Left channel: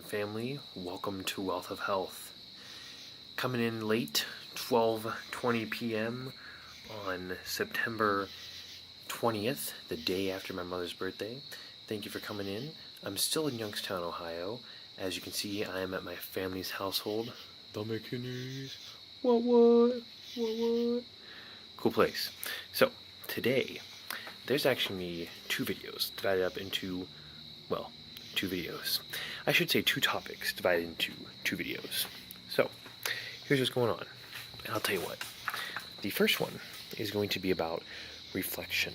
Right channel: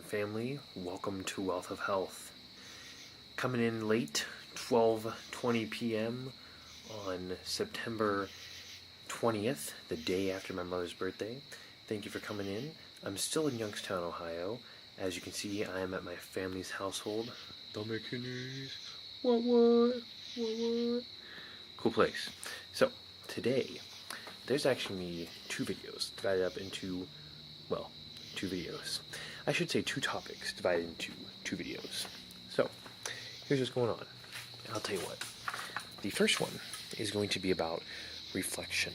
and family. Welcome to Wealth of Health. Coming in late, 12:20 p.m. on September 20th, the day after my mother's birthday. Thank you for coming in. I'm still in Youngstown, Ohio. As you can see, I am at my family's household. The McKinneys. What? Cool place. So, today, there's actually two videos divided up into, well, two videos. I should say two topics divided into two videos. So, here's what's going on. I'll tell you what. The first one is going to be about reflection,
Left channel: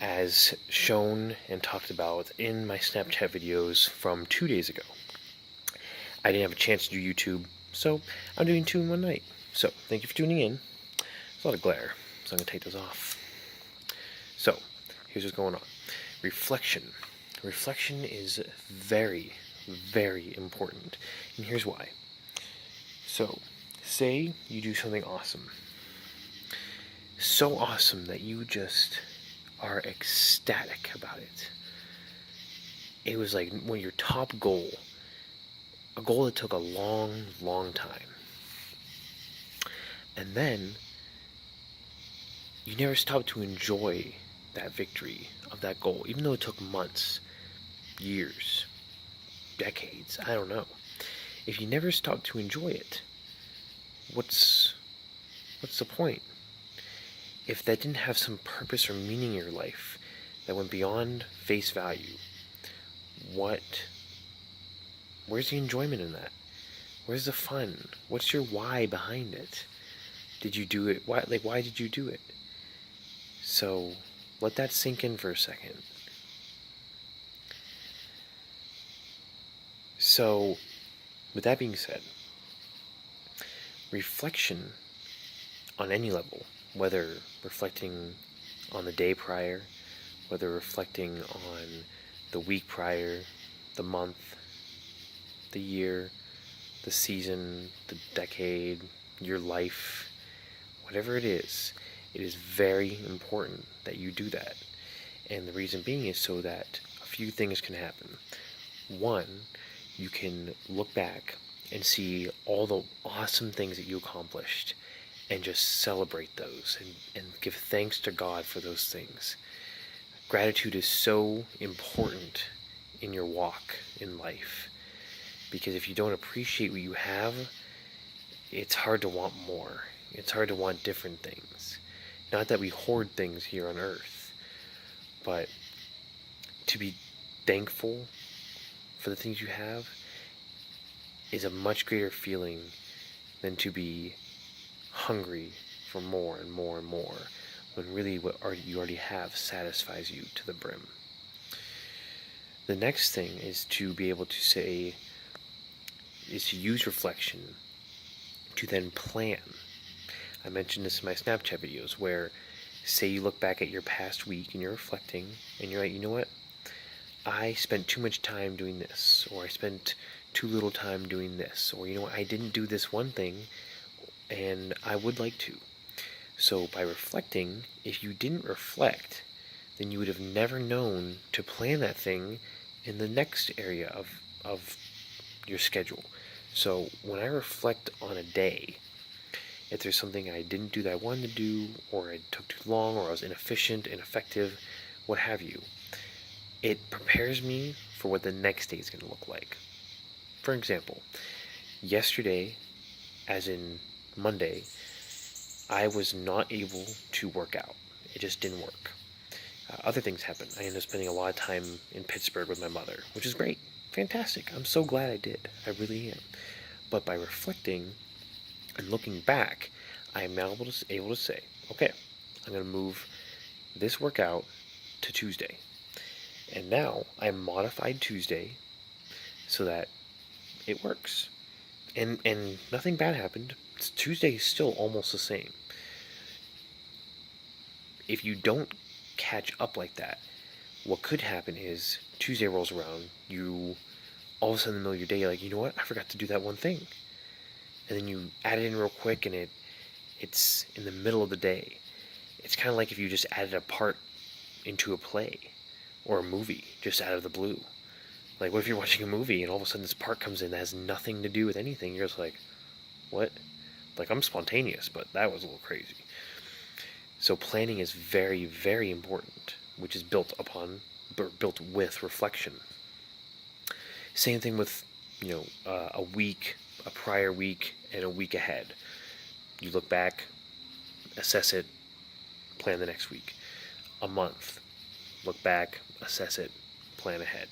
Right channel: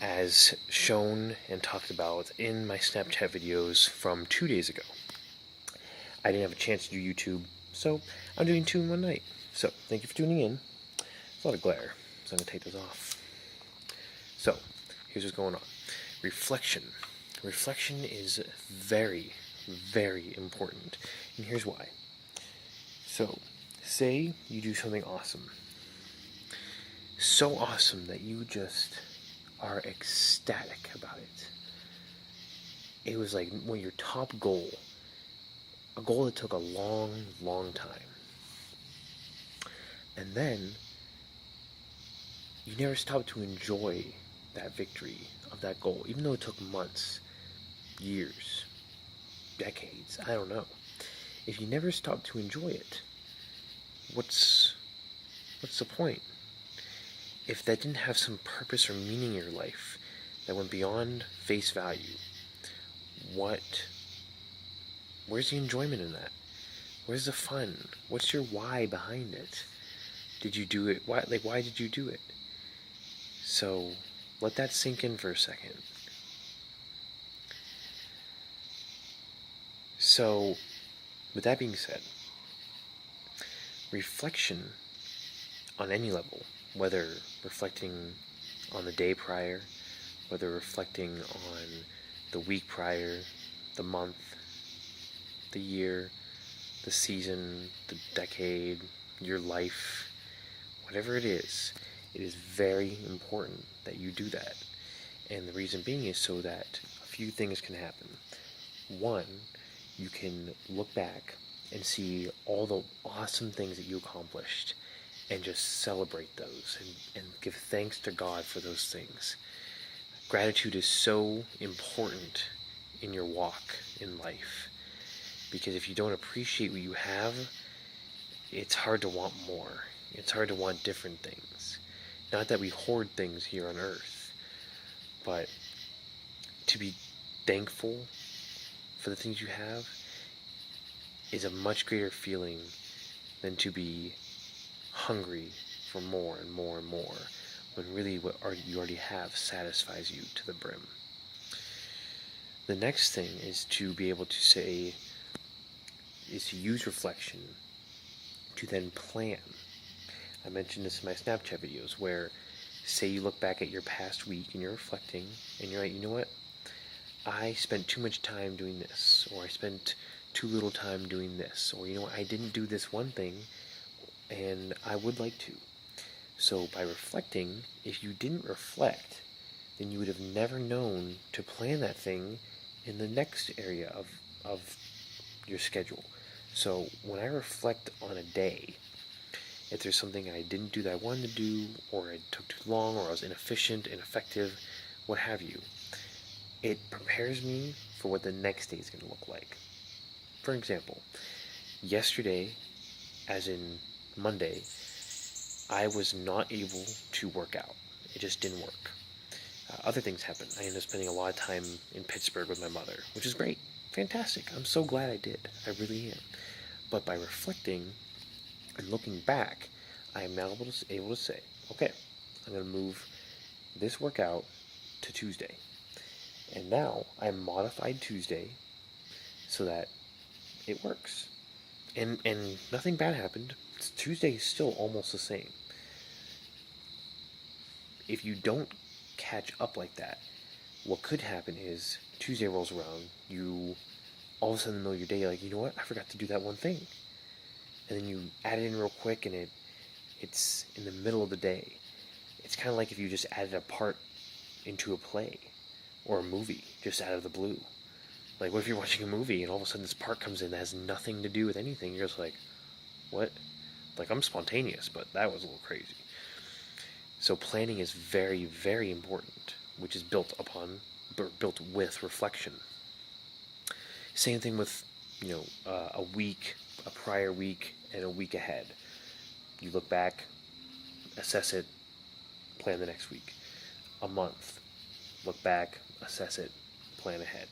as shown and talked about in my Snapchat videos from 2 days ago. I didn't have a chance to do YouTube, so I'm doing two in one night. So, thank you for tuning in. There's a lot of glare, so I'm going to take those off. So, here's what's going on. Reflection. Reflection is very, very important. And here's why. So, say you do something awesome. So awesome that you just are ecstatic about it. It was like one of your top goal. A goal that took a long, long time. And then, you never stopped to enjoy that victory of that goal, even though it took months, years, decades, I don't know. If you never stop to enjoy it, what's the point? If that didn't have some purpose or meaning in your life that went beyond face value, where's the enjoyment in that? Where's the fun? What's your why behind it? Did you do it? Why did you do it? So, let that sink in for a second. So, with that being said, reflection on any level, whether reflecting on the day prior, whether reflecting on the week prior, the month, the year, the season, the decade, your life, whatever it is very important that you do that. And the reason being is so that a few things can happen. One, you can look back and see all the awesome things that you accomplished and just celebrate those and give thanks to God for those things. Gratitude is so important in your walk in life, because if you don't appreciate what you have, it's hard to want more. It's hard to want different things. Not that we hoard things here on earth, but to be thankful for the things you have is a much greater feeling than to be hungry for more and more and more, when really what you already have satisfies you to the brim. The next thing is to be able to use reflection to then plan. I mentioned this in my Snapchat videos, where say you look back at your past week and you're reflecting and you're like, you know what? I spent too much time doing this, or I spent too little time doing this, or you know what? I didn't do this one thing and I would like to. So by reflecting, if you didn't reflect, then you would have never known to plan that thing in the next area of your schedule. So when I reflect on a day, if there's something I didn't do that I wanted to do, or it took too long, or I was inefficient, ineffective, what have you, it prepares me for what the next day is going to look like. For example, yesterday, as in Monday, I was not able to work out. It just didn't work. Other things happened. I ended up spending a lot of time in Pittsburgh with my mother, which is great. Fantastic. I'm so glad I did. I really am. But by reflecting and looking back, I am now able to say, okay, I'm going to move this workout to Tuesday. And now I modified Tuesday so that it works. And nothing bad happened. Tuesday is still almost the same. If you don't catch up like that, what could happen is Tuesday rolls around, you all of a sudden in the middle of your day, you're like, you know what, I forgot to do that one thing. And then you add it in real quick, and it's in the middle of the day. It's kind of like if you just added a part into a play or a movie just out of the blue. Like, what if you're watching a movie and all of a sudden this part comes in that has nothing to do with anything? You're just like, what? Like, I'm spontaneous, but that was a little crazy. So planning is very, very important, which is built with reflection. Same thing with, a week, a prior week, and a week ahead. You look back, assess it, plan the next week. A month, look back, assess it, plan ahead.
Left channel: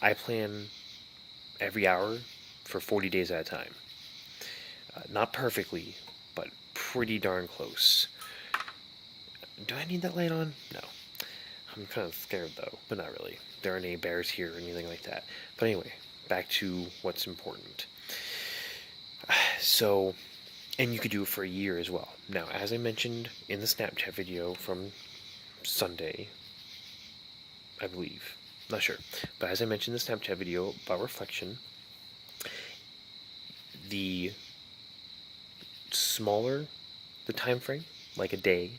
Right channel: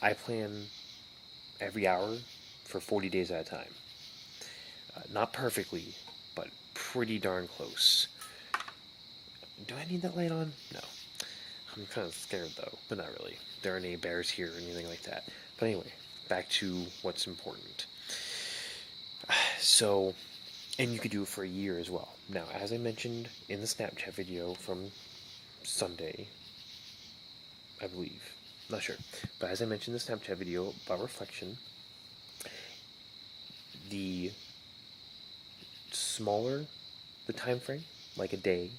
I plan every hour for 40 days at a time. Not perfectly, but pretty darn close. Do I need that light on? No. I'm kind of scared though, but not really. There aren't any bears here or anything like that. But anyway, back to what's important. So, and you could do it for a year as well. Now, as I mentioned in the Snapchat video from Sunday, I believe, not sure, but as I mentioned in the Snapchat video about reflection, the smaller the time frame, like a day,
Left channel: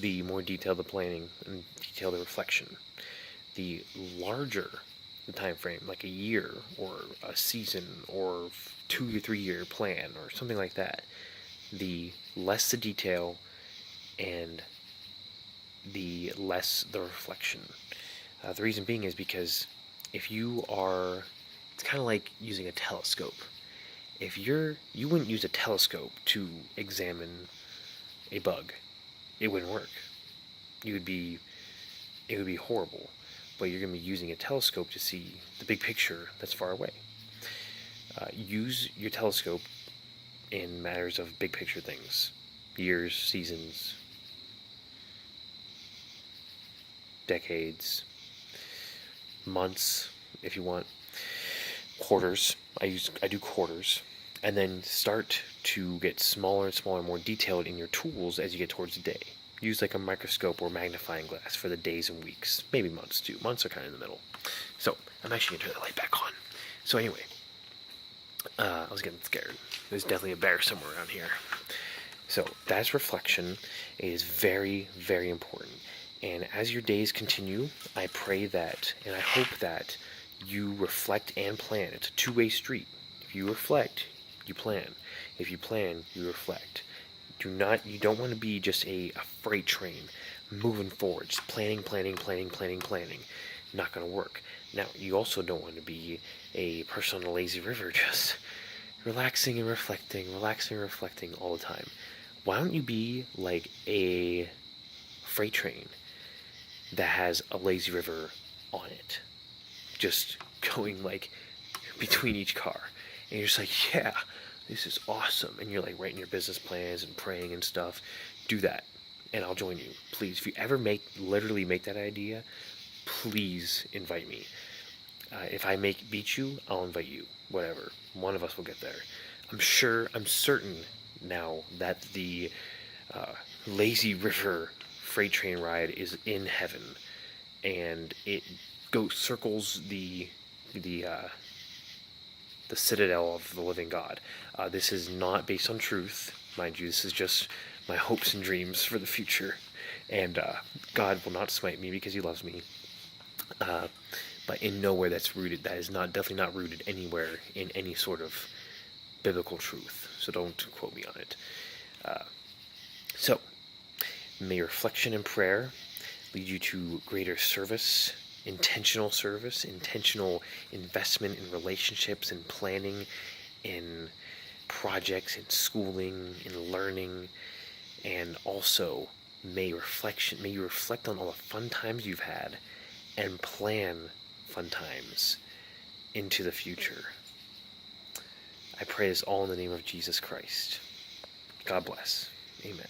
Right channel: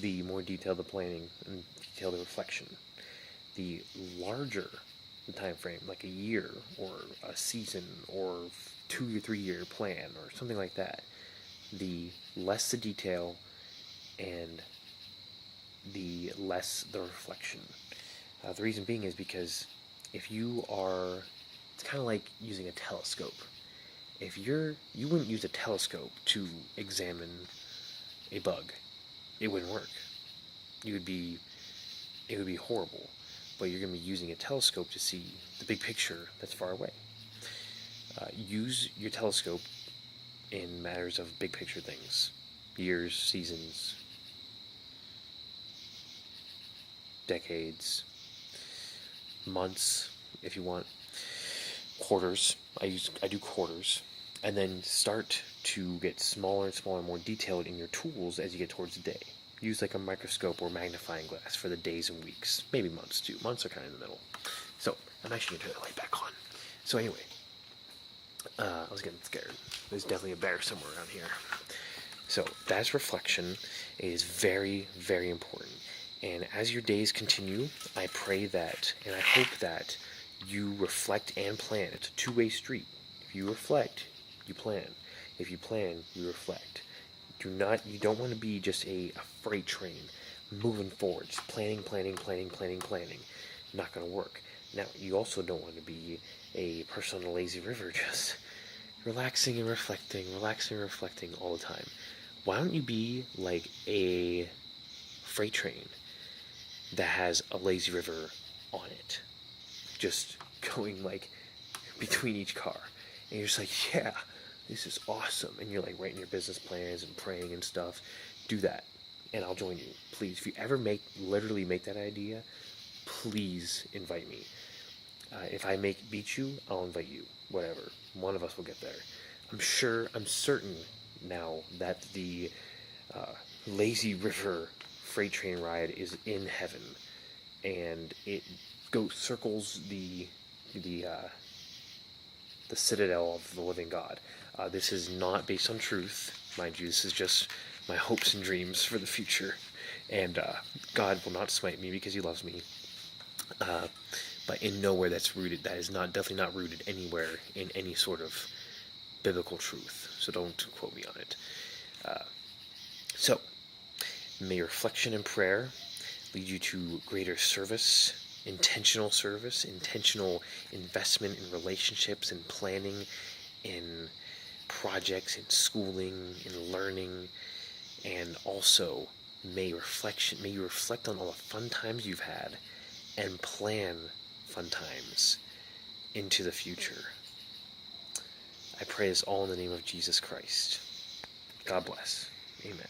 the more detailed the planning and detailed the reflection. The larger the time frame, like a year or a season or 2 to 3 year plan or something like that, the less the detail and the less the reflection. The reason being is because it's kind of like using a telescope. You wouldn't use a telescope to examine a bug. It wouldn't work. It would be horrible. But you're going to be using a telescope to see the big picture that's far away. Use your telescope in matters of big picture things. Years, seasons, decades, months, if you want, quarters. I do quarters. And then start to get smaller and smaller, more detailed in your tools as you get towards the day. Use like a microscope or magnifying glass for the days and weeks, maybe months too. Months are kind of in the middle. So I'm actually going to turn the light back on. So anyway, I was getting scared. There's definitely a bear somewhere around here. So that's reflection. It is very, very important. And as your days continue, I pray that, and I hope that you reflect and plan. It's a two-way street. If you reflect, you plan. If you plan, you reflect. You don't want to be just a freight train moving forward, just planning. Not going to work. Now, you also don't want to be a person on a lazy river just relaxing and reflecting all the time. Why don't you be like a freight train that has a lazy river on it, just going like between each car, and you're just like, yeah, this is awesome, and you're like writing your business plans and praying and stuff. Do that, and I'll join you, please. If you ever literally make that idea, please invite me. If I beat you, I'll invite you. Whatever, one of us will get there. I'm certain now that the lazy river freight train ride is in heaven, and it circles the citadel of the living God. This is not based on truth, mind you. This is just my hopes and dreams for the future, and God will not smite me because He loves me. But in nowhere that's rooted. That is definitely not rooted anywhere in any sort of biblical truth. So don't quote me on it. So may reflection and prayer lead you to greater service, intentional investment in relationships, in planning, in projects, in schooling, in learning, and also may you reflect on all the fun times you've had and plan fun times into the future. I pray this all in the name of Jesus Christ. God bless. Amen.